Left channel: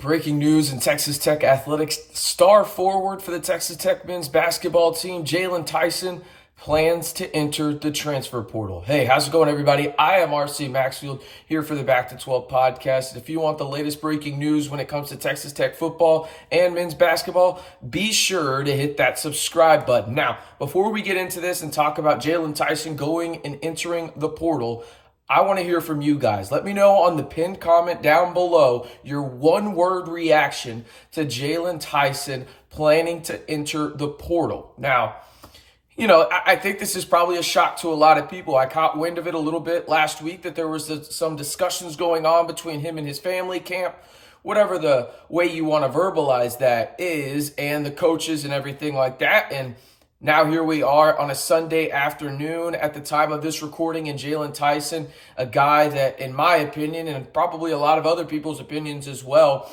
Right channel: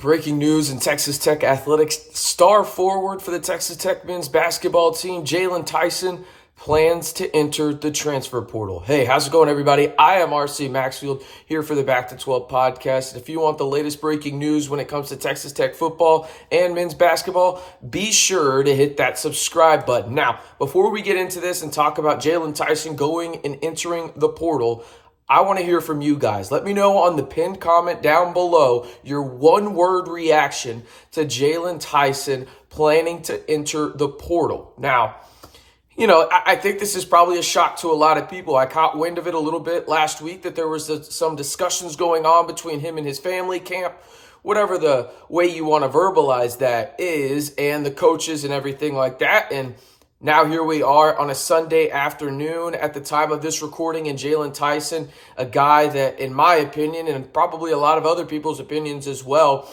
Breaking news in Texas Tech athletics. Star forward for the Texas Tech men's basketball team, Jaylon Tyson, plans to enter the transfer portal. Hey, how's it going, everybody? I am RC Maxfield here for the Back to 12 podcast. If you want the latest breaking news when it comes to Texas Tech football and men's basketball, be sure to hit that subscribe button. Now, before we get into this and talk about Jaylon Tyson going and entering the portal, I want to hear from you guys. Let me know on the pinned comment down below your one-word reaction to Jaylon Tyson planning to enter the portal. Now, I think this is probably a shock to a lot of people. I caught wind of it a little bit last week that there was some discussions going on between him and his family camp, whatever the way you want to verbalize that is, and the coaches and everything like that. And now here we are on a Sunday afternoon at the time of this recording, and Jaylon Tyson, a guy that, in my opinion, and probably a lot of other people's opinions as well,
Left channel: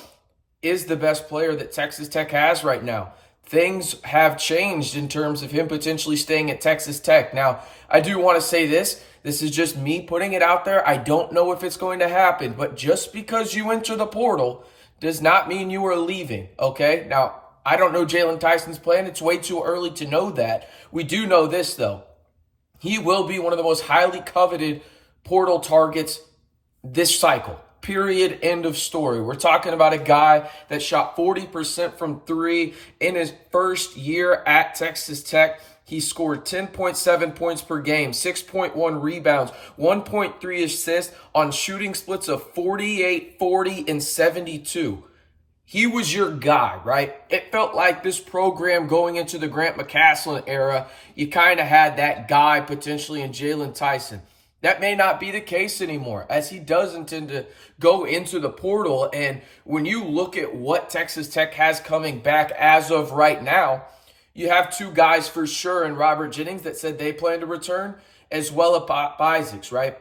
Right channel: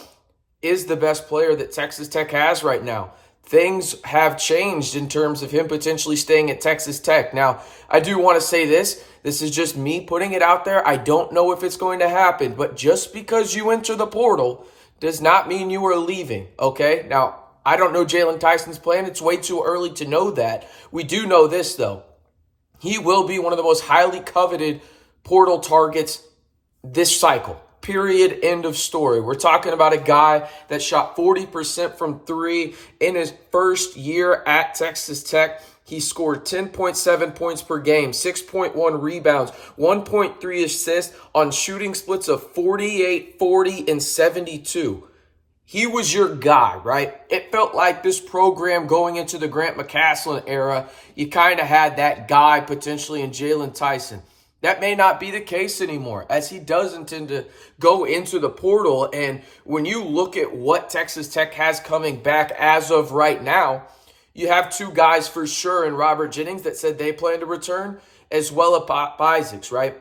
is the best player that Texas Tech has right now. Things have changed in terms of him potentially staying at Texas Tech. Now, I do want to say this. This is just me putting it out there. I don't know if it's going to happen, but just because you enter the portal does not mean you are leaving, okay? Now, I don't know Jaylon Tyson's plan. It's way too early to know that. We do know this, though. He will be one of the most highly coveted portal targets this cycle. Period. End of story. We're talking about a guy that shot 40% from three in his first year at Texas Tech. He scored 10.7 points per game, 6.1 rebounds, 1.3 assists on shooting splits of 48, 40, and 72. He was your guy, right? It felt like this program going into the Grant McCaslin era, you kind of had that guy potentially in Jaylon Tyson. That may not be the case anymore, as he does intend to go into the portal. And when you look at what Texas Tech has coming back as of right now, you have two guys for sure in Robert Jennings that said they plan to return, as well as Pop Isaacs, right?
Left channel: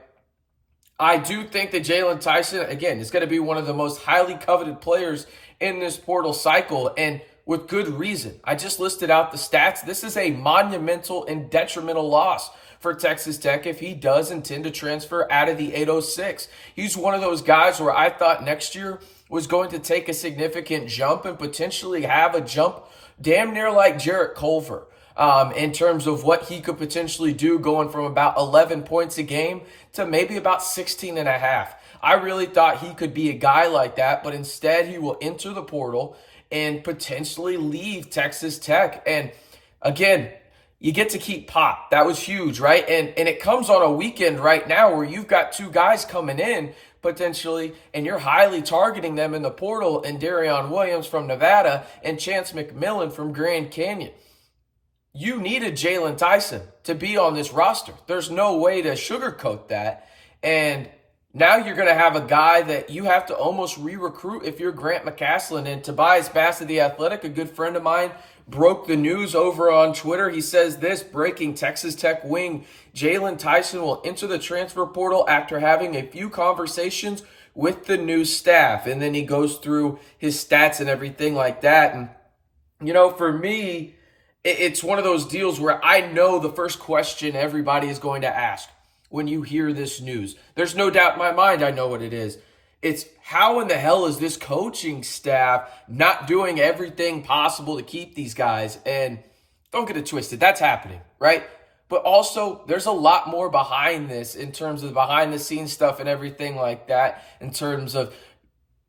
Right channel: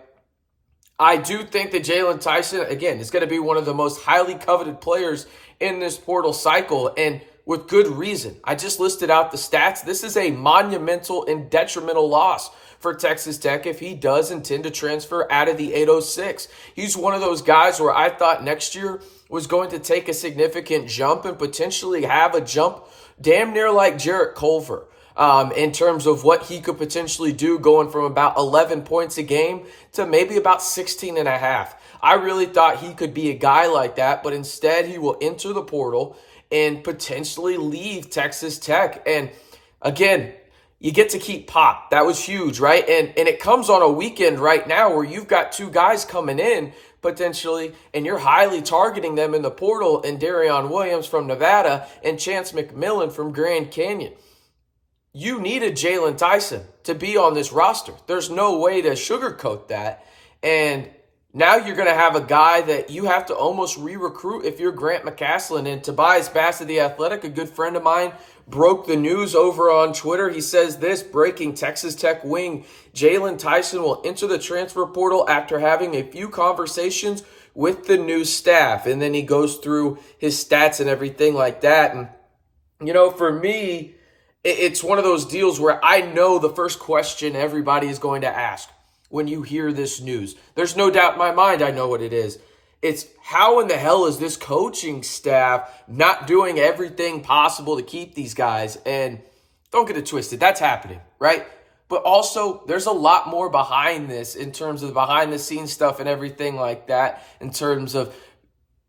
I do think that Jaylon Tyson, again, is going to be one of the most highly coveted players in this portal cycle, and with good reason. I just listed out the stats. This is a monumental and detrimental loss for Texas Tech if he does intend to transfer out of the 806. He's one of those guys where I thought next year was going to take a significant jump and potentially have a jump damn near like Jarrett Culver in terms of what he could potentially do, going from about 11 points a game to maybe about 16 and a half. I really thought he could be a guy like that, but instead he will enter the portal and potentially leave Texas Tech. And again, you get to keep Pop. That was huge, right? And it comes on a weekend right now where you've got two guys coming in potentially, and you're highly targeting them in the portal, and Darion Williams from Nevada and Chance McMillan from Grand Canyon. You needed Jaylon Tyson to be on this roster. There's no way to sugarcoat that. And now you're going to have a guy that you have to almost re-recruit if you're Grant McCaslin. And Tobias Bass of The Athletic, a good friend of mine, broke the news over on Twitter. He says this: breaking, Texas Tech wing Jaylon Tyson will enter the transfer portal after having a few conversations with the new staff. And then he goes through his stats and everything like that. And, for me, it's one of those deals where I know the first question everybody is going to ask when you hear this news. There's no doubt in my mind I know what it is. It's how in the hell is this coaching staff not doing everything possible to keep these guys? And don't get it twisted, that's happening, right? But also, there's a lot more behind this in terms of the behind-the-scenes stuff and everything like that, in terms of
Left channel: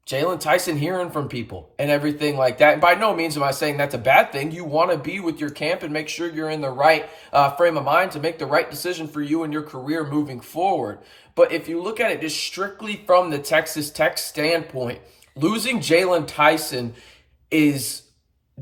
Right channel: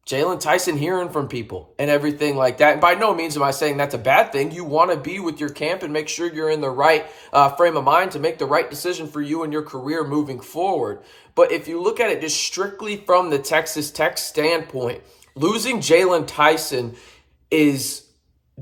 Jaylon Tyson hearing from people and everything like that. And by no means am I saying that's a bad thing. You want to be with your camp and make sure you're in the right frame of mind to make the right decision for you and your career moving forward. But if you look at it just strictly from the Texas Tech standpoint, losing Jaylon Tyson is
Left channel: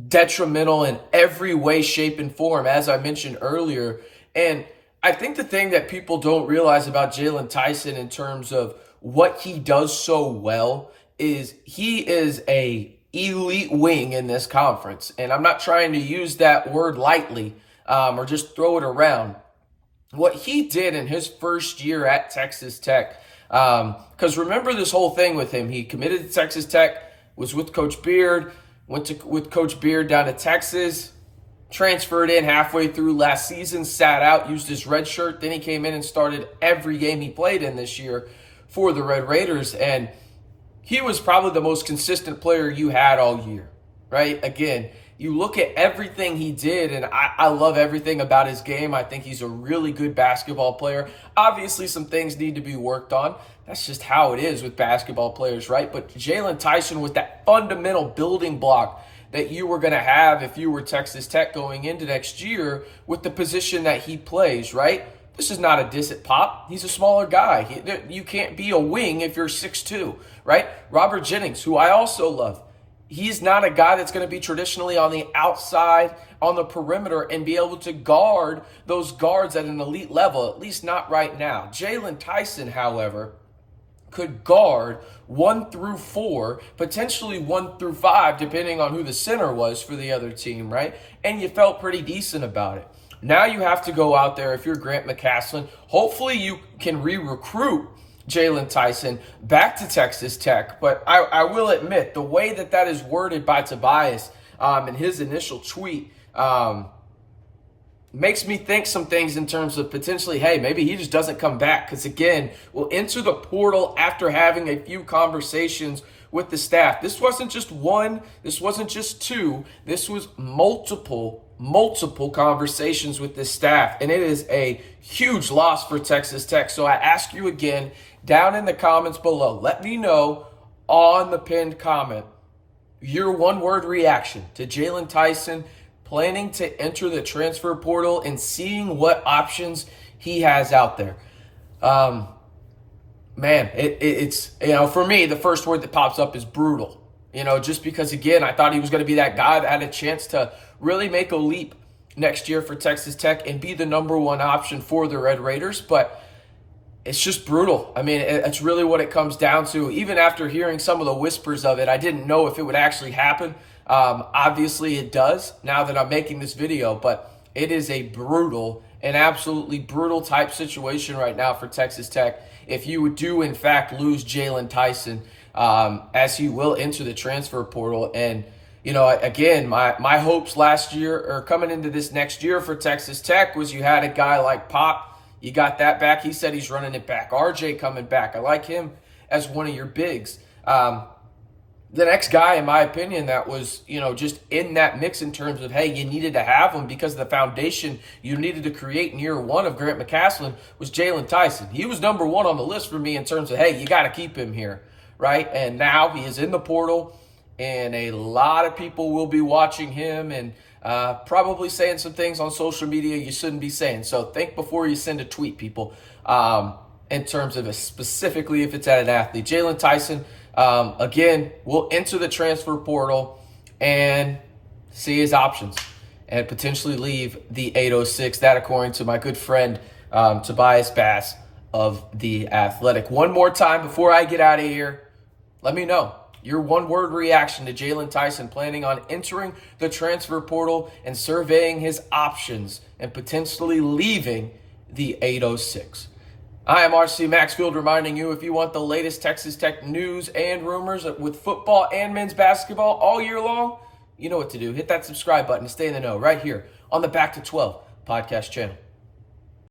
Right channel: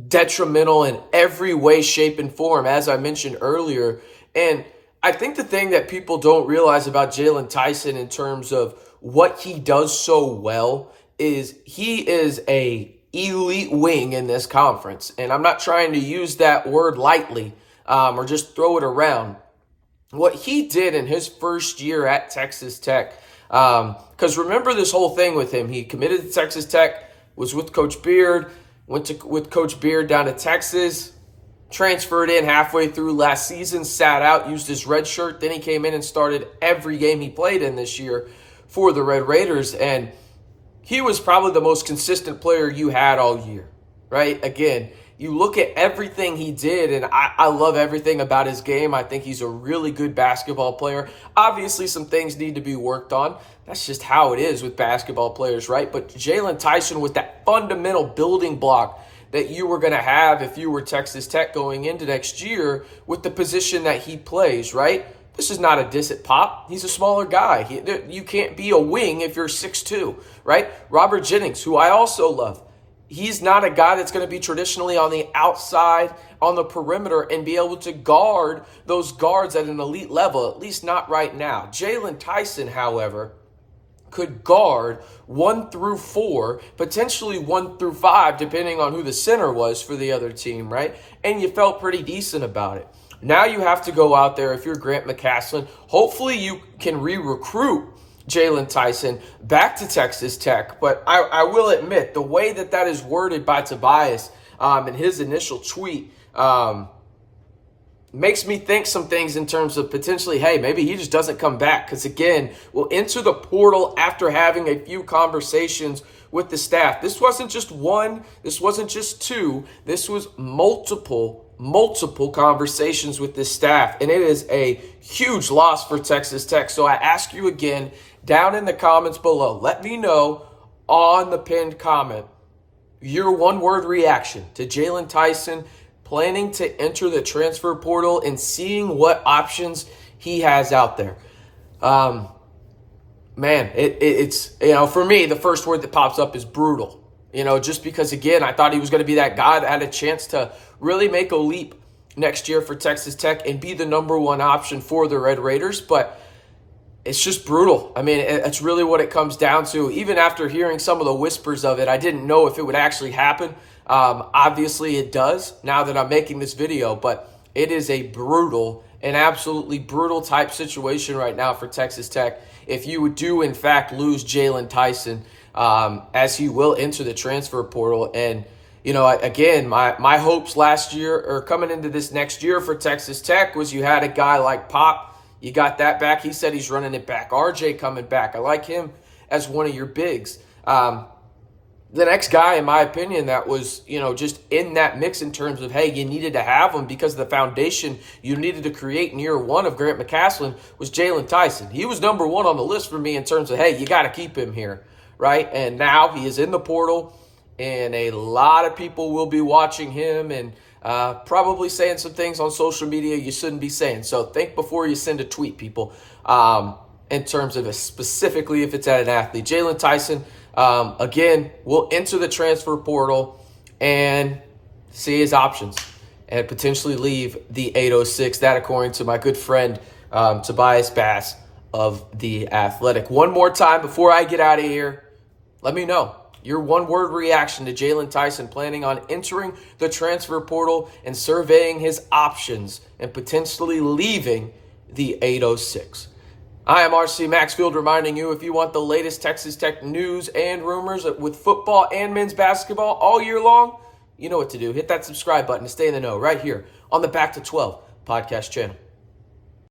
detrimental in every way, shape, and form, as I mentioned earlier. And I think the thing that people don't realize about Jaylon Tyson in terms of what he does so well is he is a elite wing in this conference. And I'm not trying to use that word lightly or just throw it around. What he did in his first year at Texas Tech, because remember this whole thing with him. He committed to Texas Tech, was with Coach Beard, with Coach Beard down to Texas, transferred in halfway through last season, sat out, used his red shirt. Then he came in and started every game he played in this year for the Red Raiders. And he was probably the most consistent player you had all year, right? Again, you look at everything he did, and I love everything about his game. I think he's a really good basketball player. Obviously, some things need to be worked on. That's just how it is with basketball players, right? But Jaylon Tyson was that fundamental building block that you were going to have if you were Texas Tech going into next year with the position that he plays, right? This is not a diss at Pop. He's a smaller guy. You can't be a wing if you're 6'2", right? Robert Jennings, who I also love, he's not a guy that's going to be traditionally on the outside, on the perimeter, and be able to guard those guards at an elite level, at least not right now. Jaylon Tyson, however, could guard 1 through 4, potentially 1 through 5, depending on who the center was for the other team, right? And you felt pretty decent about it. Now you have to go out there, if you're Grant McClung, hopefully you can re-recruit Jaylon Tyson back to Texas Tech. But I will admit, the way that is worded by Tobias in his initial tweet makes me think some things in terms of potentially, hey, maybe he just doesn't come back. Because again, we'll enter the portal after having a few conversations with the staff. This wasn't just one, this wasn't just two, this was multiple conversations with the staff. And it is a huge loss for Texas Tech. So I ask you again, down in the comments below, let me know on the pinned comment your one-word reaction to Jaylon Tyson planning to enter the transfer portal and seeing what options he has out there. Man, it's, for me, the first word that pops up is brutal. Just because, again, I thought he was going to be that guy that had a chance to really make a leap next year for Texas Tech and be the number one option for the Red Raiders. But it's just brutal. I mean, it's really what it comes down to. Even after hearing some of the whispers of it, I didn't know if it would actually happen. Obviously, it does now that I'm making this video, but it is a brutal, an absolutely brutal type situation right now for Texas Tech. If you do, in fact, lose Jaylon Tyson, as he will enter the transfer portal. And, again, my hopes last year or coming into this next year for Texas Tech was you had a guy like Pop. You got that back. He said he's running it back. RJ coming back. I like him as one of your bigs. The next guy, in my opinion, that was, just in that mix in terms of, hey, you needed to have him because of the foundation you needed to create in year one of Grant McClung was Jaylon Tyson. He was number one on the list for me in terms of, hey, you got to keep him here, right? And now he is in the portal, and a lot of people will be watching him and probably saying some things on social media you shouldn't be saying. So think before you send a tweet, people, in terms of specifically if it's at an athlete. Jaylon Tyson, again, will enter the transfer portal and see his options and potentially leave the 806. That, according to my good friend Tobias Bass of The Athletic. One more time before I get out of here, let me know your one-word reaction to Jaylon Tyson planning on entering the transfer portal and surveying his options and potentially leaving the 806. I am RC Maxfield reminding you, if you want the latest Texas Tech news and rumors with football and men's basketball all year long, you know what to do. Hit that subscribe button to stay in the know right here on the Back to 12 podcast channel.